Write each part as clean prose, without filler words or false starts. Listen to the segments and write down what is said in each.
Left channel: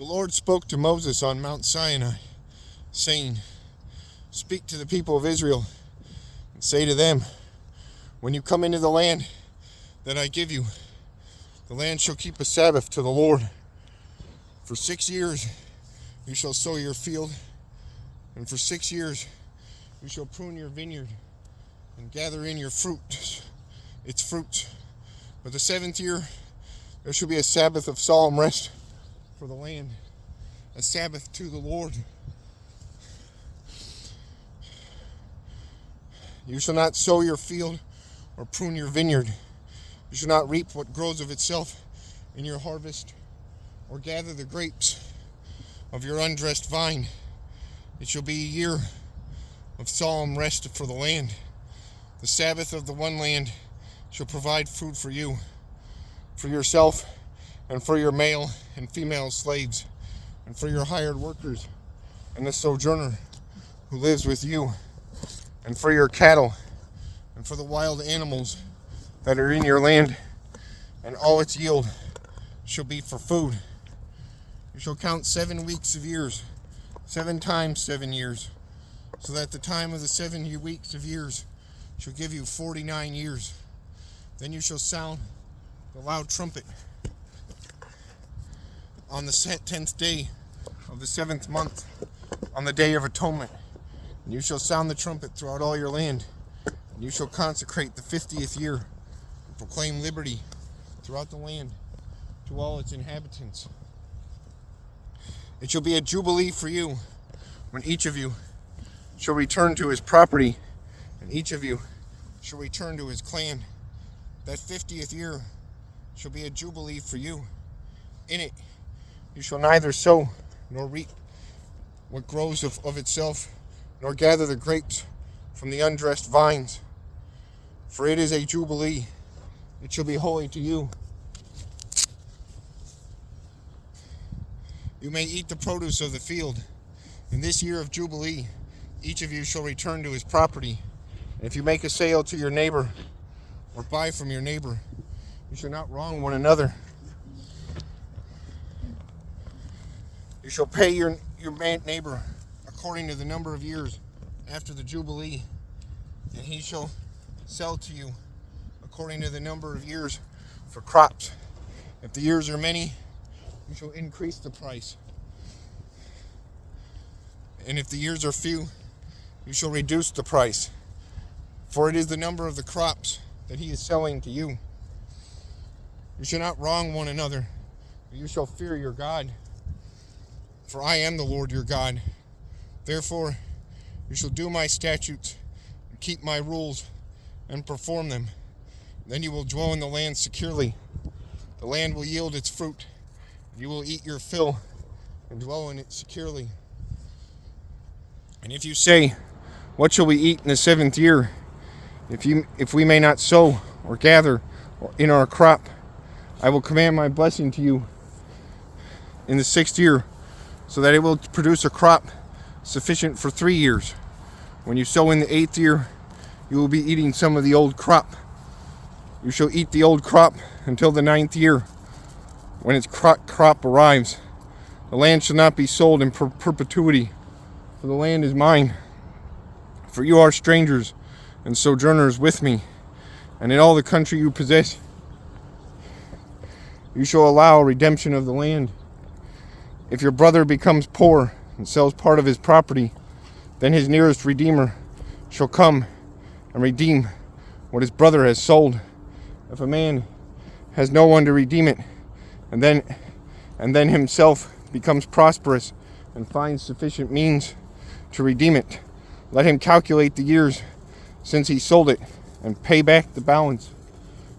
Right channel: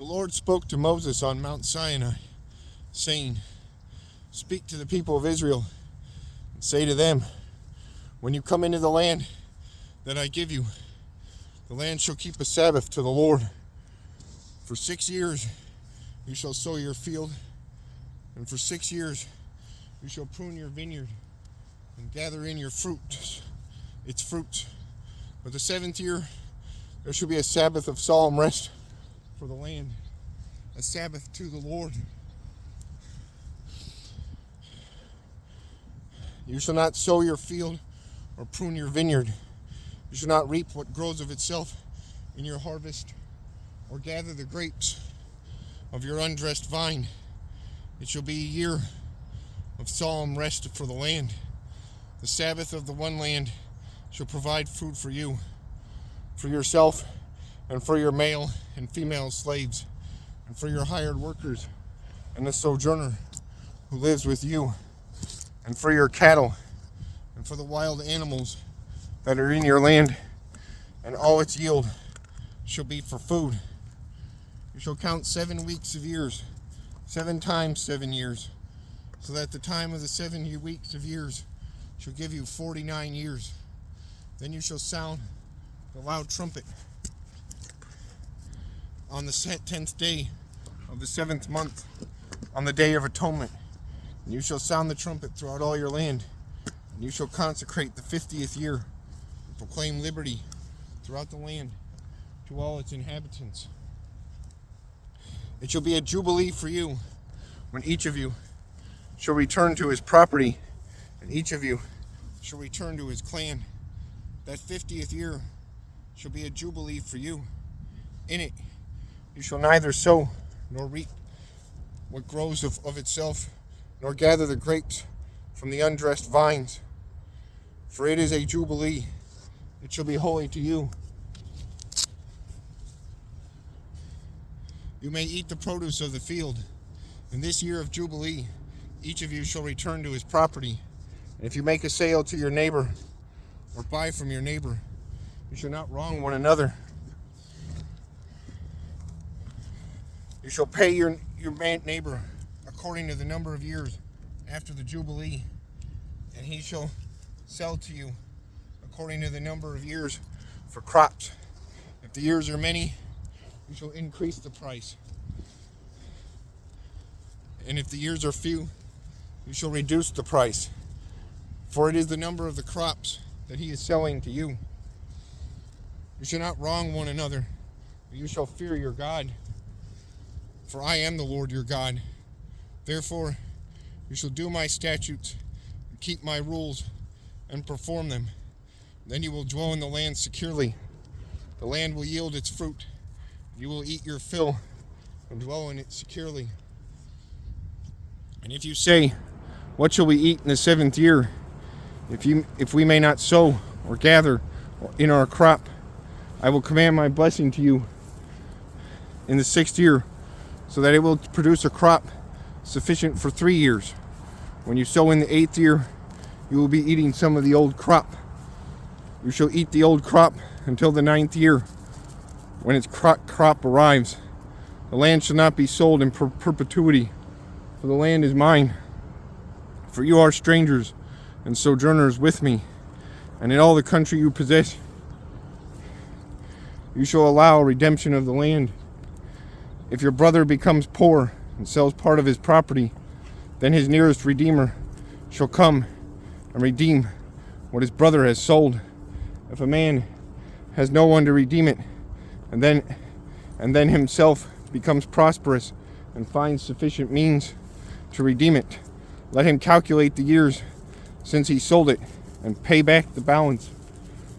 The Lord spoke to Moses on Mount Sinai, saying, "Speak to the people of Israel, and say to them, when you come into the land that I give you, the land shall keep a Sabbath to the Lord. For 6 years you shall sow your field, and for 6 years you shall prune your vineyard, and gather in its fruit. But the 7th year there shall be a Sabbath of solemn rest for the land, a Sabbath to the Lord. You shall not sow your field or prune your vineyard. You shall not reap what grows of itself in your harvest, or gather the grapes of your undressed vine. It shall be a year of solemn rest for the land. The Sabbath of the one land shall provide food for you, for yourself, and for your male and female slaves, and for your hired workers, and the sojourner who lives with you, and for your cattle, and for the wild animals that are in your land, and all its yield shall be for food. You shall count 7 weeks of years, 7 times 7 years, so that the time of the 7 weeks of years shall give you 49 years. Then you shall sound the loud trumpet on the 10th day of the 7th month, on the day of atonement. And you shall sound the trumpet throughout all your land. And you shall consecrate the 50th year, and proclaim liberty throughout the land to all its inhabitants. It shall be a jubilee for you, when each of you shall return to his property, and each of you shall return to his clan. That 50th year shall be a jubilee for you. In it you shall neither sow nor reap what grows of itself, nor gather the grapes from the undressed vines. For it is a jubilee. It shall be holy to you. You may eat the produce of the field. In this year of jubilee, each of you shall return to his property. And if you make a sale to your neighbor, or buy from your neighbor, you shall not wrong one another. You shall pay your neighbor according to the number of years after the Jubilee, and he shall sell to you according to the number of years for crops. If the years are many, you shall increase the price. And if the years are few, you shall reduce the price. For it is the number of the crops that he is selling to you. You shall not wrong one another, but you shall fear your God. For I am the Lord your God. Therefore, you shall do my statutes, and keep my rules, and perform them. Then you will dwell in the land securely. The land will yield its fruit. You will eat your fill, and dwell in it securely. And if you say, what shall we eat in the 7th year? If we may not sow or gather in our crop, I will command my blessing to you in the 6th year, so that it will produce a crop sufficient for 3 years. When you sow in the 8th year, you will be eating some of the old crop. You shall eat the old crop until the 9th year, when its crop arrives. The land shall not be sold in perpetuity, for the land is mine. For you are strangers and sojourners with me, and in all the country you possess, you shall allow redemption of the land. If your brother becomes poor and sells part of his property, then his nearest redeemer shall come and redeem what his brother has sold. If a man has no one to redeem it, and then himself becomes prosperous and finds sufficient means to redeem it, let him calculate the years since he sold it, and pay back the balance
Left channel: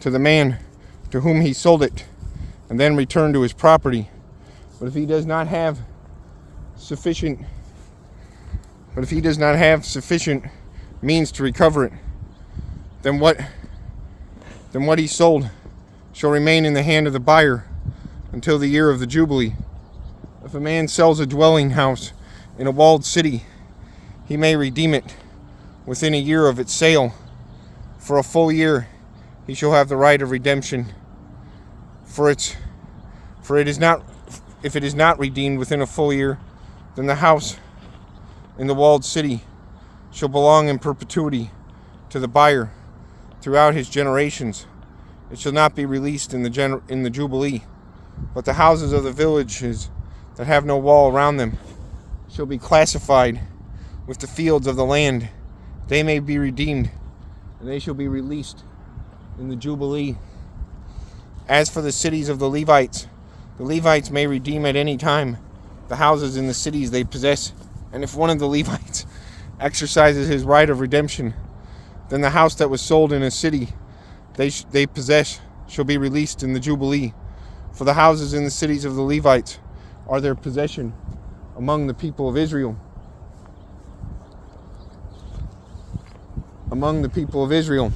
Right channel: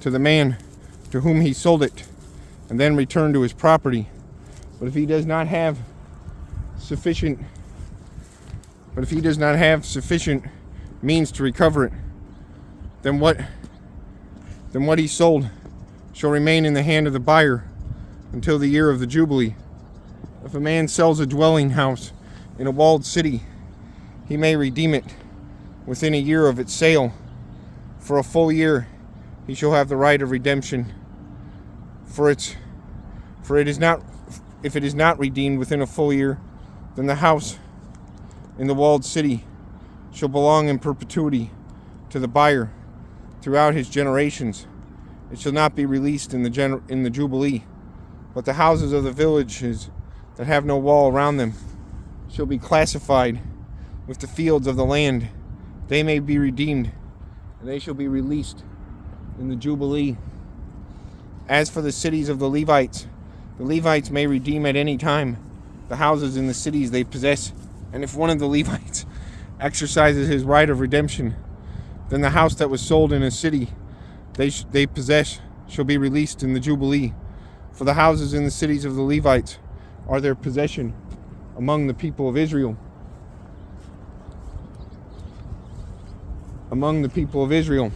to the man to whom he sold it, and then return to his property. But if he does not have sufficient means to recover it, then what he sold shall remain in the hand of the buyer until the year of the Jubilee. If a man sells a dwelling house in a walled city, he may redeem it within a year of its sale. For a full year he shall have the right of redemption. For it is not if it is not redeemed within a full year, then the house in the walled city shall belong in perpetuity to the buyer throughout his generations. It shall not be released in the Jubilee, but the houses of the villages that have no wall around them shall be classified with the fields of the land. They may be redeemed, and they shall be released in the Jubilee. As for the cities of the Levites may redeem at any time the houses in the cities they possess. And if one of the Levites exercises his right of redemption, then the house that was sold in a city they possess shall be released in the Jubilee. For the houses in the cities of the Levites are their possession among the people of Israel. Among the people of Israel.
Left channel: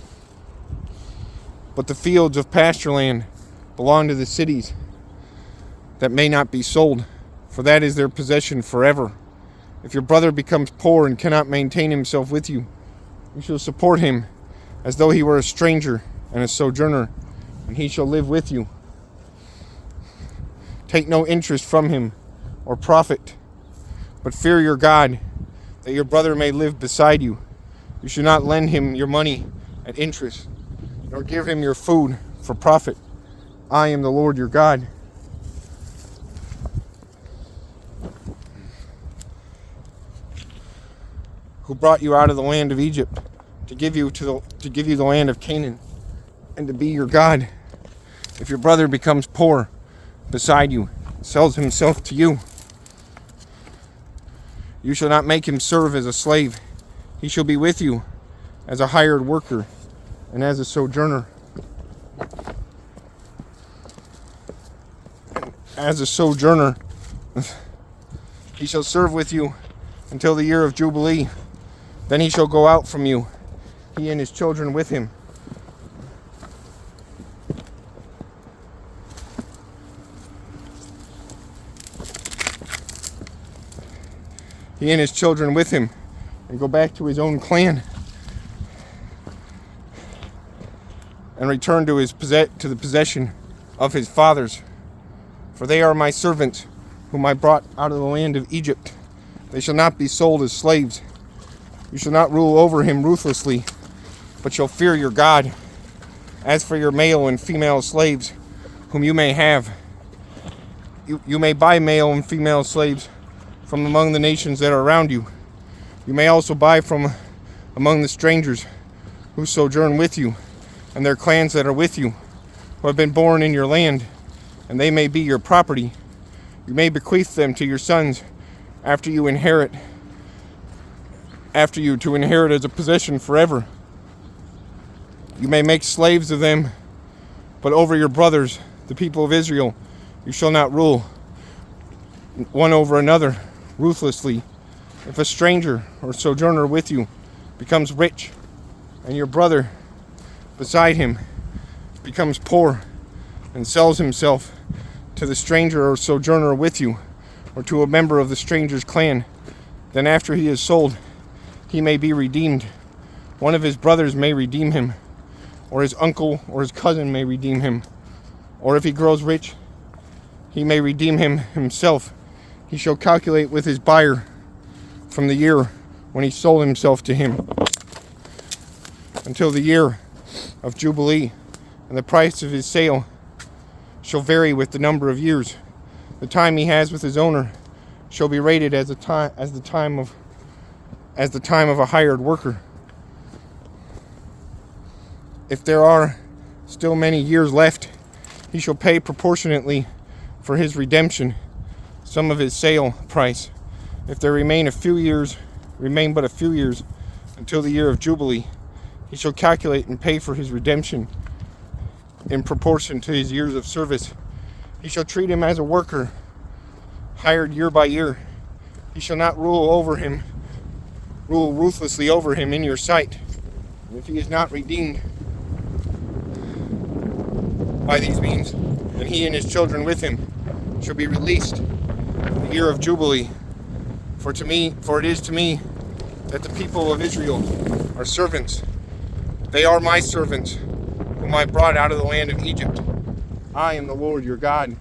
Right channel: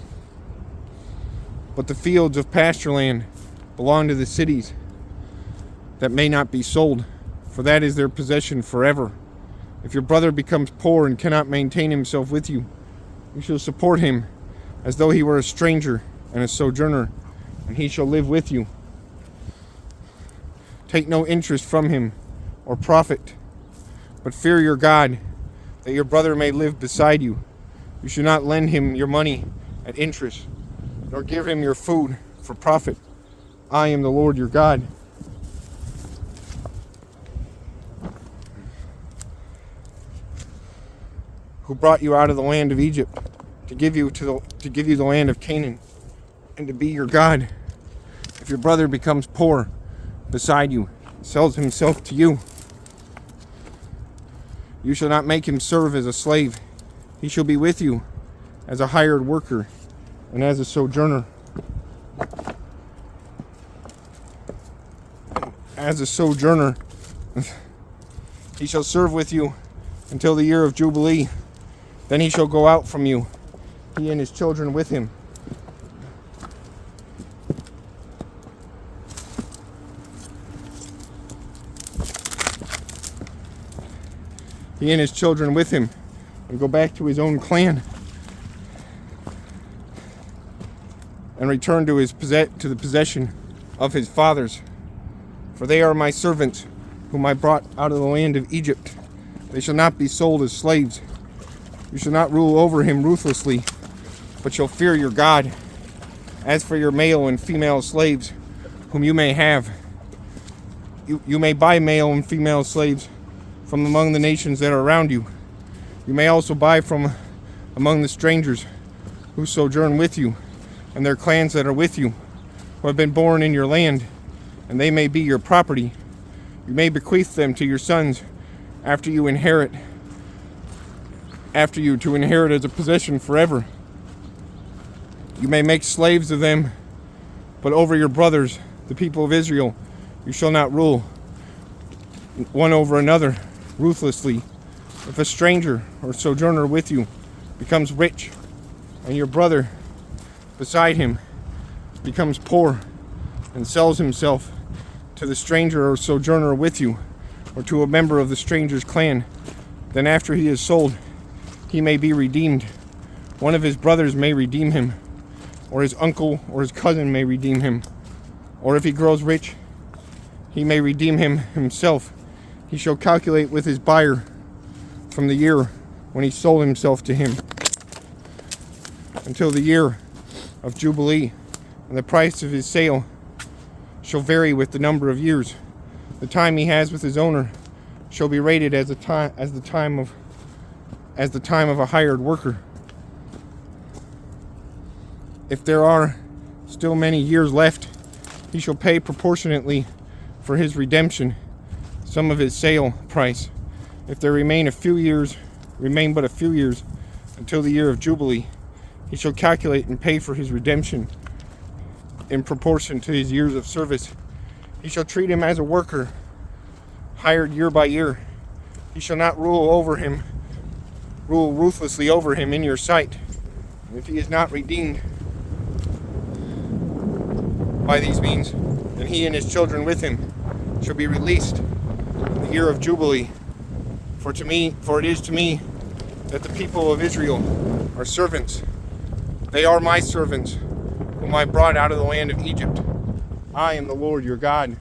But the fields of pasture land belong to the cities that may not be sold, for that is their possession forever. If your brother becomes poor and cannot maintain himself with you, you shall support him as though he were a stranger and a sojourner, and he shall live with you. Take no interest from him or profit, but fear your God, that your brother may live beside you. You should not lend him your money at interest, nor give him your food for profit. I am the Lord your God. Who brought you out of the land of Egypt to give you the land of Canaan, and to be your God. If your brother becomes poor beside you, sells himself to you, you shall not make him serve as a slave. He shall be with you as a hired worker and as a sojourner. As a sojourner, he shall serve with you until the year of Jubilee. Then he shall go out from you, he and his children with him. He and his children with him, and go back to his own clan, and return to the possession of his fathers. For they are my servants, whom I brought out of the land of Egypt. They shall not be sold as slaves. You shall not rule over him ruthlessly, but shall fear your God. As for your male and female slaves, whom you may have, you may buy male and female slaves from among the nations that are around you. You may also buy from among the strangers who sojourn with you, and their clans that are with you, who have been born in your land, and they may be your property. You may bequeath them to your sons after you to inherit as a possession forever. You may make slaves of them, but over your brothers, the people of Israel, you shall not rule one over another ruthlessly. If a stranger or sojourner with you becomes rich, and your brother beside him becomes poor and sells himself to the stranger or sojourner with you, or to a member of the stranger's clan, then after he is sold, he may be redeemed. One of his brothers may redeem him, or his uncle or his cousin may redeem him. Or if he grows rich, he may redeem him himself. He shall calculate with his buyer from the year when he sold himself to him until the year of Jubilee, and the price of his sale shall vary with the number of years. The time he has with his owner shall be rated as the time of a hired worker. If there are still many years left, he shall pay proportionately for his redemption some of his sale price. If there remain but a few years until the year of Jubilee, he shall calculate and pay for his redemption in proportion to his years of service. He shall treat him as a worker, hired year by year. He shall not rule ruthlessly over him in your sight. And if he is not redeemed by these means, then he and his children with him shall be released in the year of Jubilee. For it is to me that the people of Israel are servants. They are my servants, whom I brought out of the land of Egypt. I am the Lord your God.